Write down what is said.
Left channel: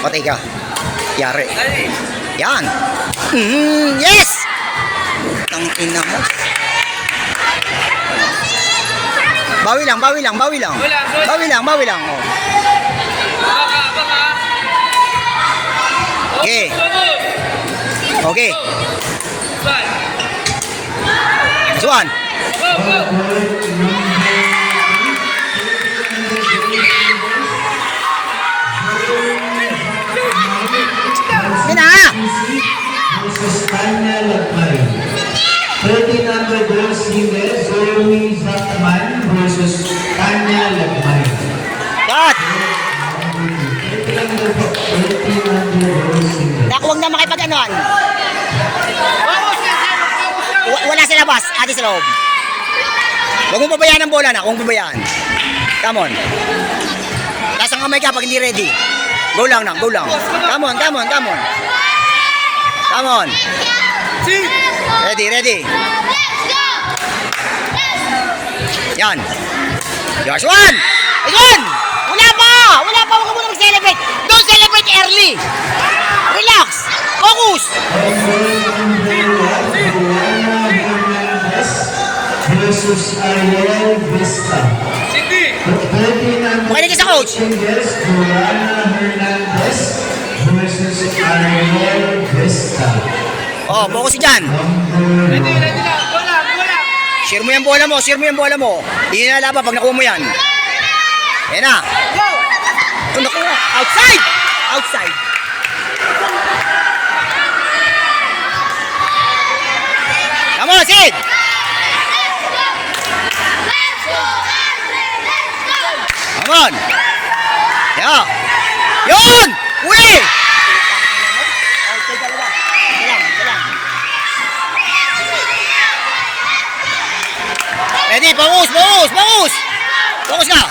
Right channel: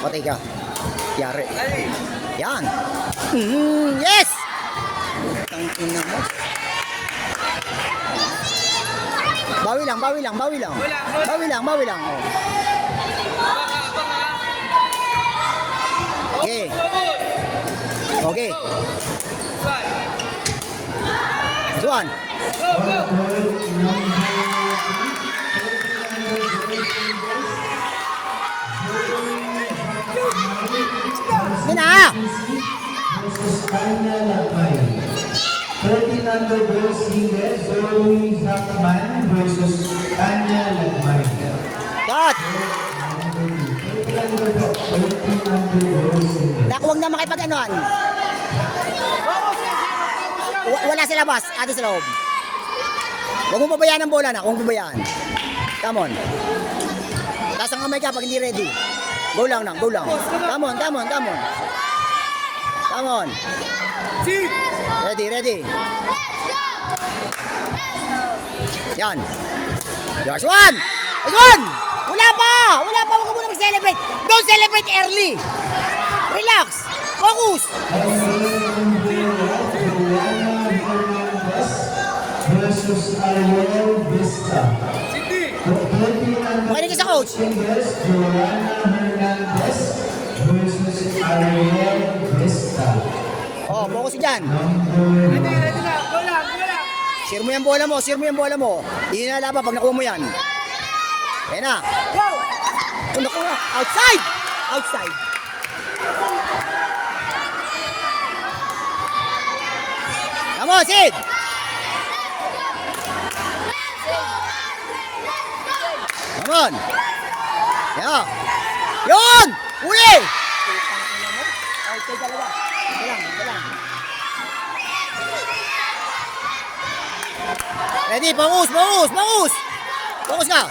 Patay ka. Yari. Yan. Yes! Ang ina mo. Bawi lang, bawi lang, bawi lang. Bawi lang, bawi lang. Oh. Okay. Okay. Next one. Tanya Lagmay. Ferdinand Rodriguez Jimenez, Zoe Zataman versus Tanya Lagmay. Cut! Naku, huwag na makipag-anuan. Wala sa labas, ati sa loob. Huwag mo babayaan ang bola na, huwag mo babayaan. Come on. Taas ang kamay ka pag hindi ready. Go lang na, go lang. Come on, come on, come on. Come on. Ready, ready. Yan. Last one. Ayun! Wala pa! Wala pa! Huwag ka muna mag-celebrate. Don't celebrate early. Relax. Focus. Versus Ariel Vista. Makinig ka sa coach. Joanna Hernandez versus Ariel Vista. Oh, focus dyan. Ready lang. Bola. Share mo yung bola mo, share mo yung bola mo. Hindi na laban pag nakuha mo yan. Yan na. Ito nakuha. Outside! Outside. Come on, Sid! Come on! Yeah! Yun! Uli! Ready, focus, focus, focus! Focus ka!